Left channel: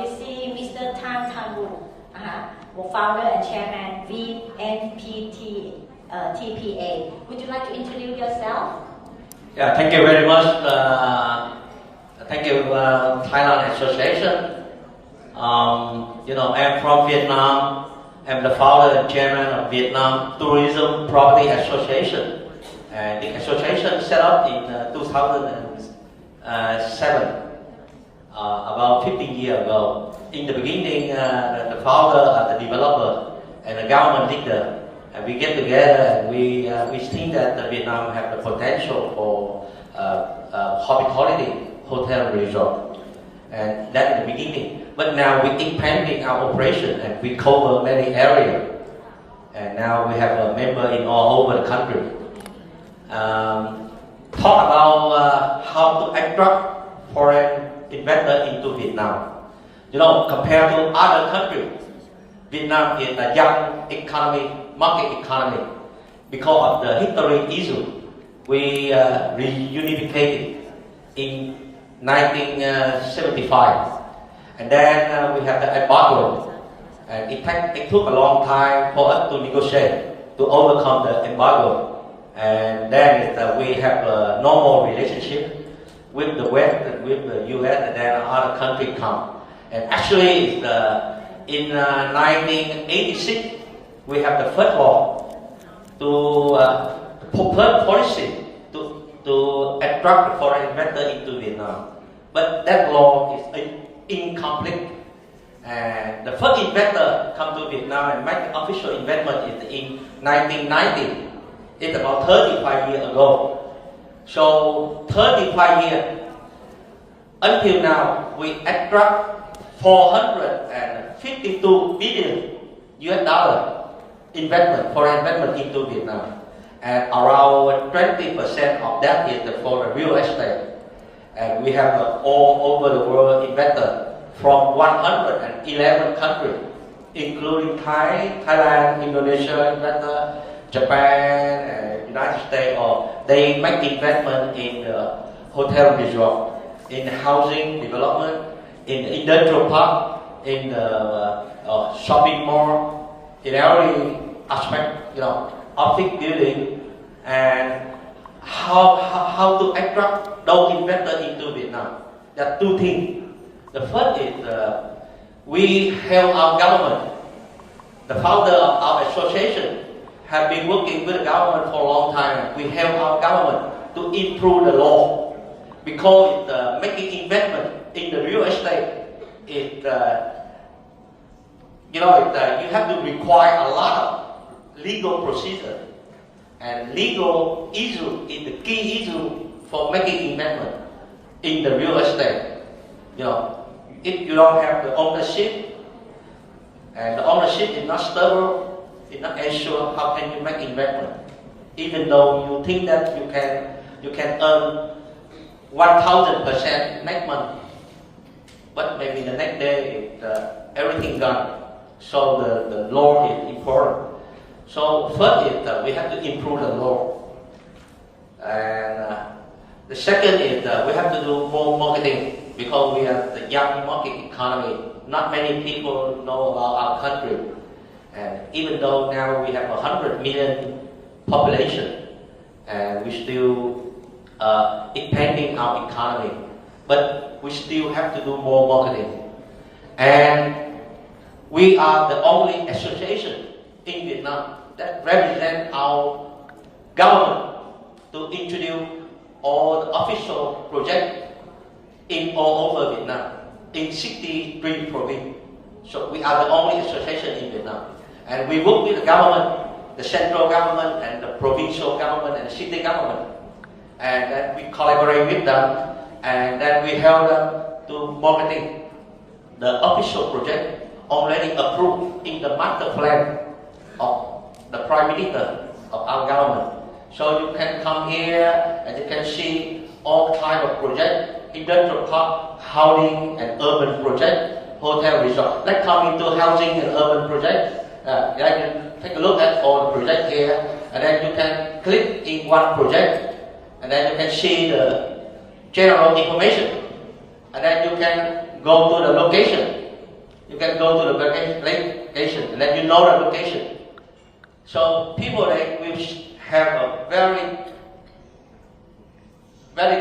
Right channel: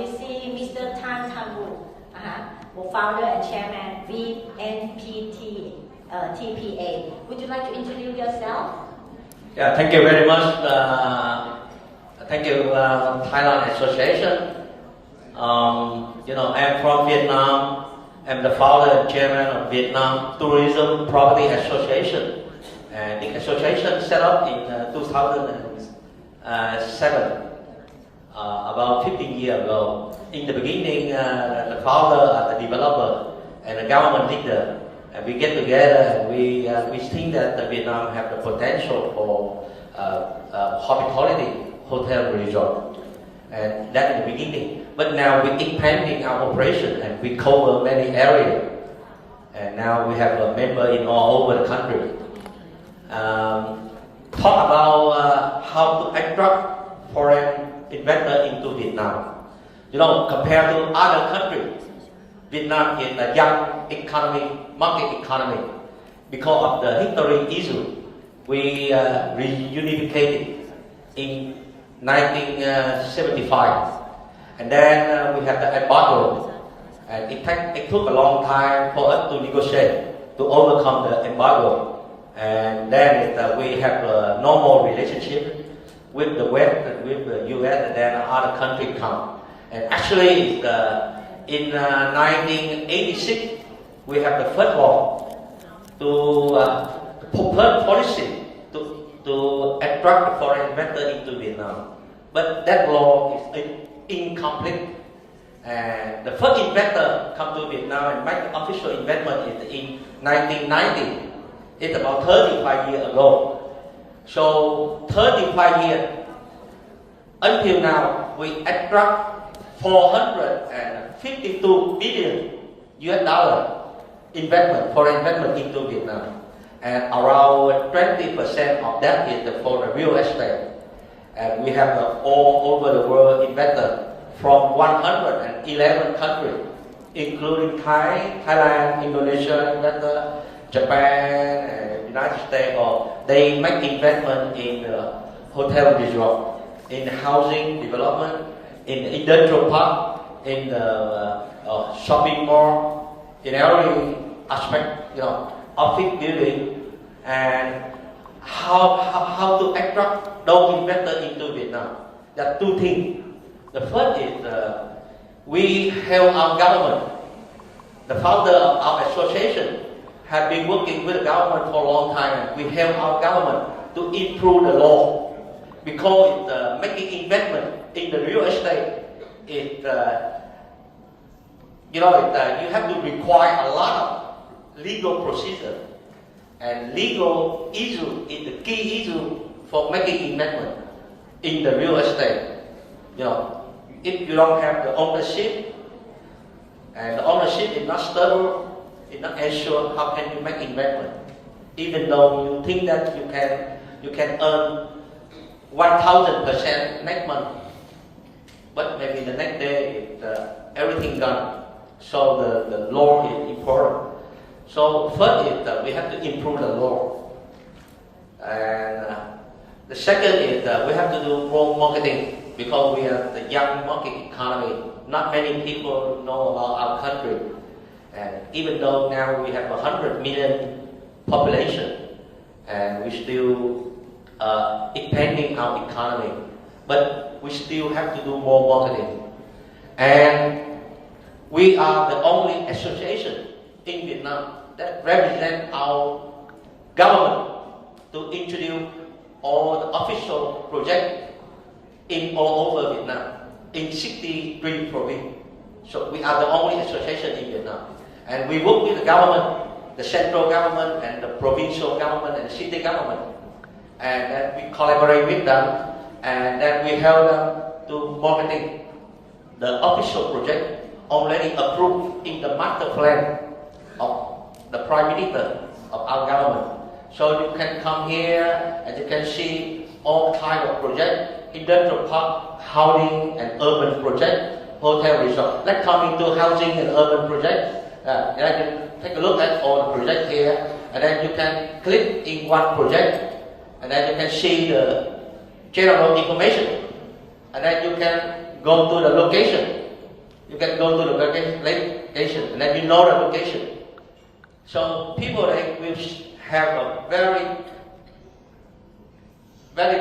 You see Mr. Tan founder and chairman VnTPA. Would you like to introduce yourself? Yeah, thank you very much. Thank you, Thailand Association. I'm from Vietnam. I'm the founder and chairman of Vietnam Tourism Property Association. And the association set up in 2007, about 15 years ago. In the beginning, the founder, the developer, and the government leader, and we get together and we think that Vietnam have the potential for hospitality, hotel resort, and that in the beginning. But now we're expanding our operation and we cover many areas, and now we have a member in all over the country. Talk about how to attract foreign investor into Vietnam. Compared to other countries, Vietnam is a young economy, market economy. Because of the history issue, we reunificated in 1975. And then we had the embargo. And it took a long time for us to negotiate, to overcome the embargo. And then we have a normal relationship with the West and with the US, and then other countries come. And actually, in 1986, we have the first law to policy to attract the foreign investor into Vietnam. But that law is incomplete. And the first investor come to Vietnam and make the official investment is in 1990. It's about 35 years ago. So 35 years until now, we attract 452 billion US dollar foreign investment into Vietnam, and around 20% of that is for the real estate. And we have all over the world investors from 111 countries, including Thailand, Indonesia investor, Japan, and United States. Or they make investment in hotel resort, in housing development, in the industrial park, in the shopping mall, in every aspect, office building, and how to attract those investors into Vietnam. There are two things. The first is we help our government. The founder of our association have been working with the government for a long time. We help our government to improve the law, because making investment in the real estate is, you have to require a lot of legal procedure, and legal issue is the key issue for making investment in the real estate. If you don't have the ownership, and the ownership is not stable, it's not assured, how can you make investment? Even though you think that you can earn 1,000% next month, but maybe the next day everything gone. So the law is important. So first is that we have to improve the law, and the second is that we have to do more marketing, because we are the young market economy. Not many people know about our country, and even though now we have 100 million population, and we still expanding our economy, but we still have to do more marketing. And we are the only association in Vietnam that represents our government to introduce all the official projects in all over Vietnam, in 63 provinces. So we are the only association in Vietnam. And we work with the government, the central government, and the provincial government, and the city government. And then we collaborate with them, and then we help them to marketing the official project already approved in the master plan of the Prime Minister of our government. So you can come here and you can see all kinds of projects, industrial park, housing and urban project, hotel resort. Let's come into housing and urban project. Then you can take a look at all the projects here, and then you can click in one project, and then you can see the general information, and then you can go to the location You can go to the vacation, and then you know the location. So people they will have a very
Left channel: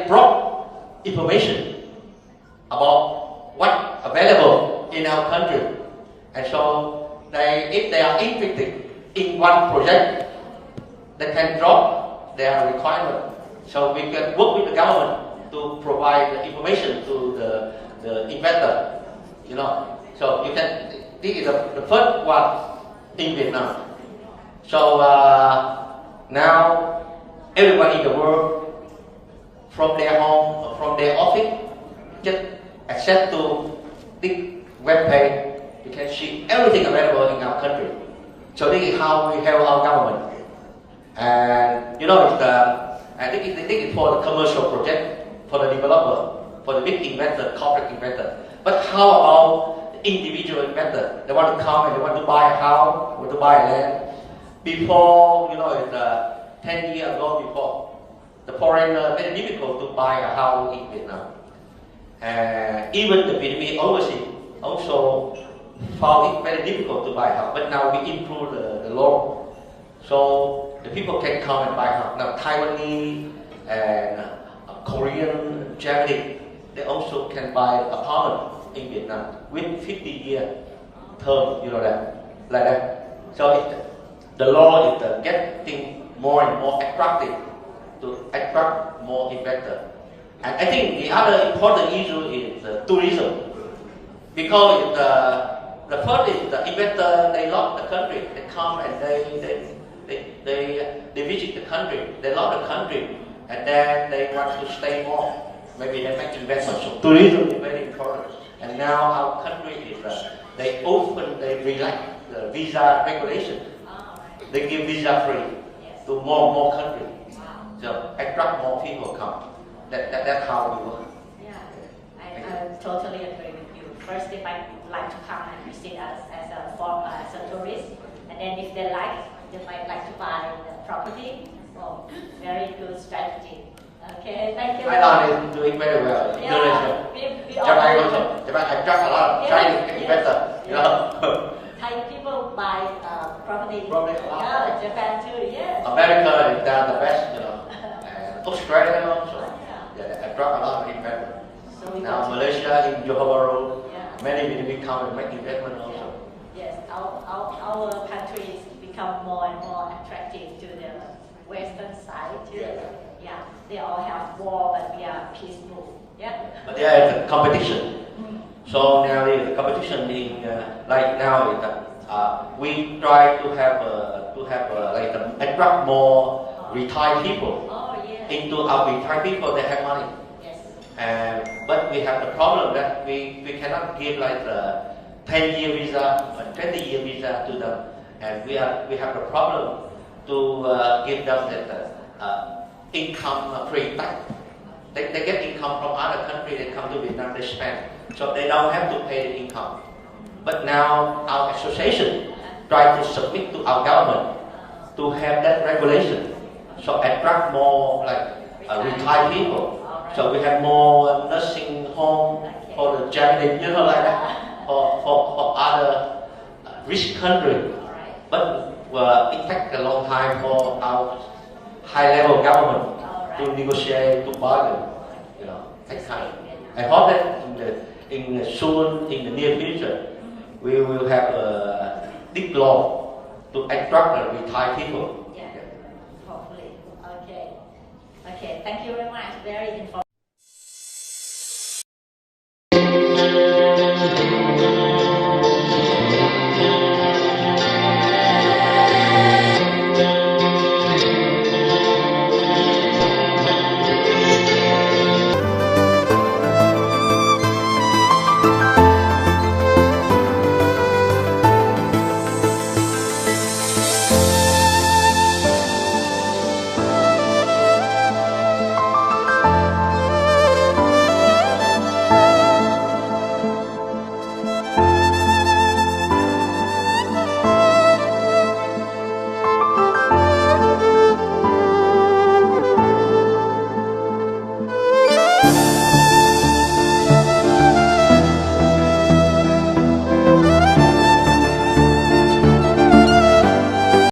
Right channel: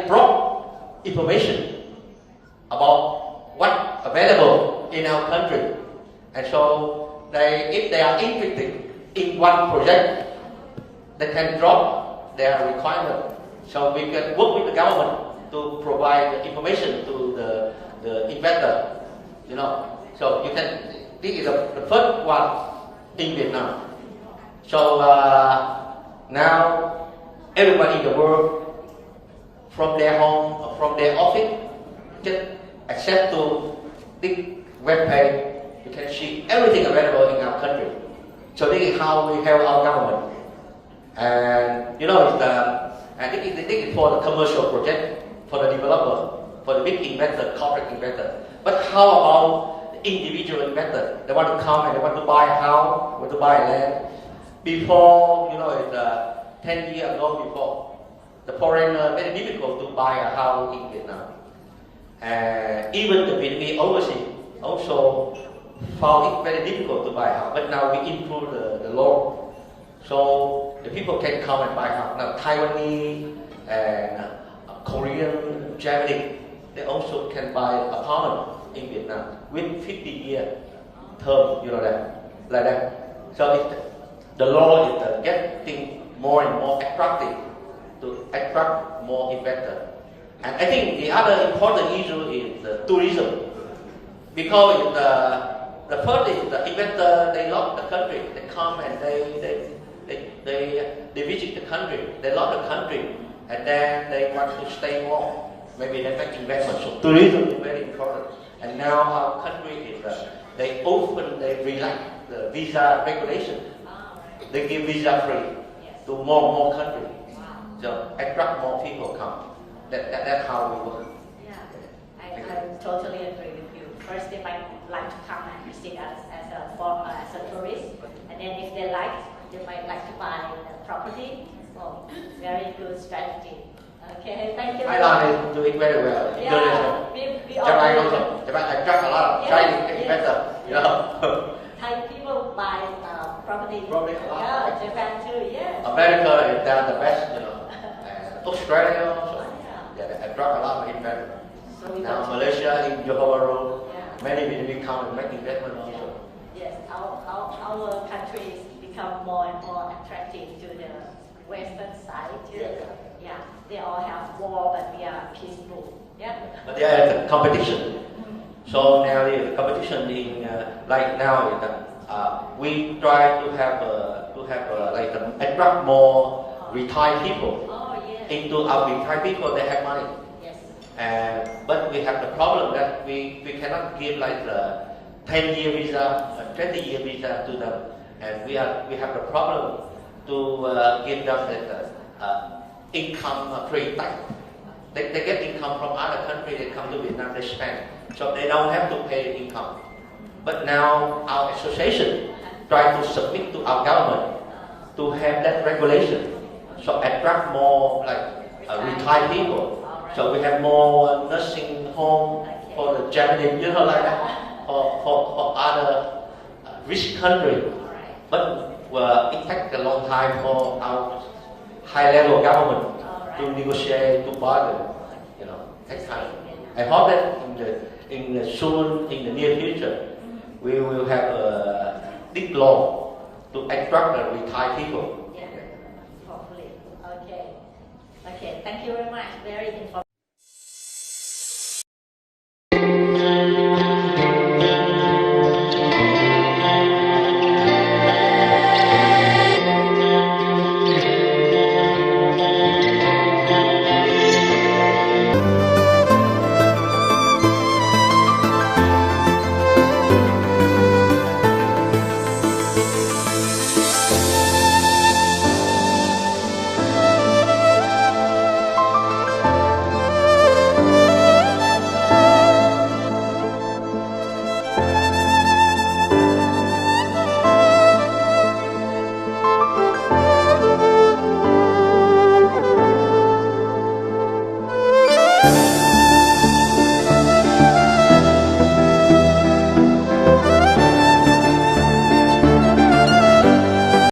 broad information about what available in our country, and so if they are interested in one project, they can drop their requirement. So we can work with the government to provide the information to the investor. You know, so you can. This is the first one in Vietnam. So now everybody in the world, from their home or from their office, just access to this web page. You can see everything available in our country. So this is how we help our government. And you know, and this is for the commercial project, for the developer, for the big investor, corporate investor. But how about the individual investor? They want to come and they want to buy a house, want to buy land. Before, you know, 10 years ago before, the foreigner very difficult to buy a house in Vietnam. And even the Vietnamese overseas also found it very difficult to buy a house. But now we improve the law. So the people can come and buy a house. Now Taiwanese and Korean, Japanese, they also can buy apartment in Vietnam with 50-year term, you know that, like that. So the law is getting more and more attractive to attract more investors. And I think the other important issue is tourism, because the first is the investor, they love the country, they come and they visit the country, they love the country, and then they want to stay more. Maybe they make investment. So tourism is very important. And now our country is they relax the visa regulation. They give visa free to more countries. So attract more people come. That's how we work. Yeah, I totally agree with you. First, they might like to come and visit us as a tourist, and then if they like, they might like to buy the property. Oh, very good strategy. Okay, thank you. Thailand is doing very well. Yeah, Japan also. Japan attract a lot of Chinese investors. You know. Thai people buy property. Probably a lot. Yeah, Japan too. Yeah. America is the best, you know. And Australia also. Yeah, they attract a lot of investment. So we Now Malaysia in Johor Road, yeah. many Vietnamese come and make investment also. Yes, our countries become more and more attractive to the western side too. Yeah, they all have war, but we are peaceful. Yeah. But there is a competition. So now the competition in like now is we try to have like attract more retired people. Oh yeah. Into our retired people, they have money. Yes. But we have the problem that we cannot give like the 10-year visa or 20-year visa to them, and we have the problem to give them the income pre-tax. They get income from other countries, they come to Vietnam, they spend, so they don't have to pay the income. But now our association try to submit to our government to have that regulation, so attract more like retired people. So we have more nursing home for the Japanese, you know, like that, for other rich countries. But it takes a long time for our high-level government to negotiate, to bargain, you know, takes time. I hope that in the near future, we will have a big law to attract the retired people. Yeah, hopefully. Okay. Okay, thank you very much. Very informative.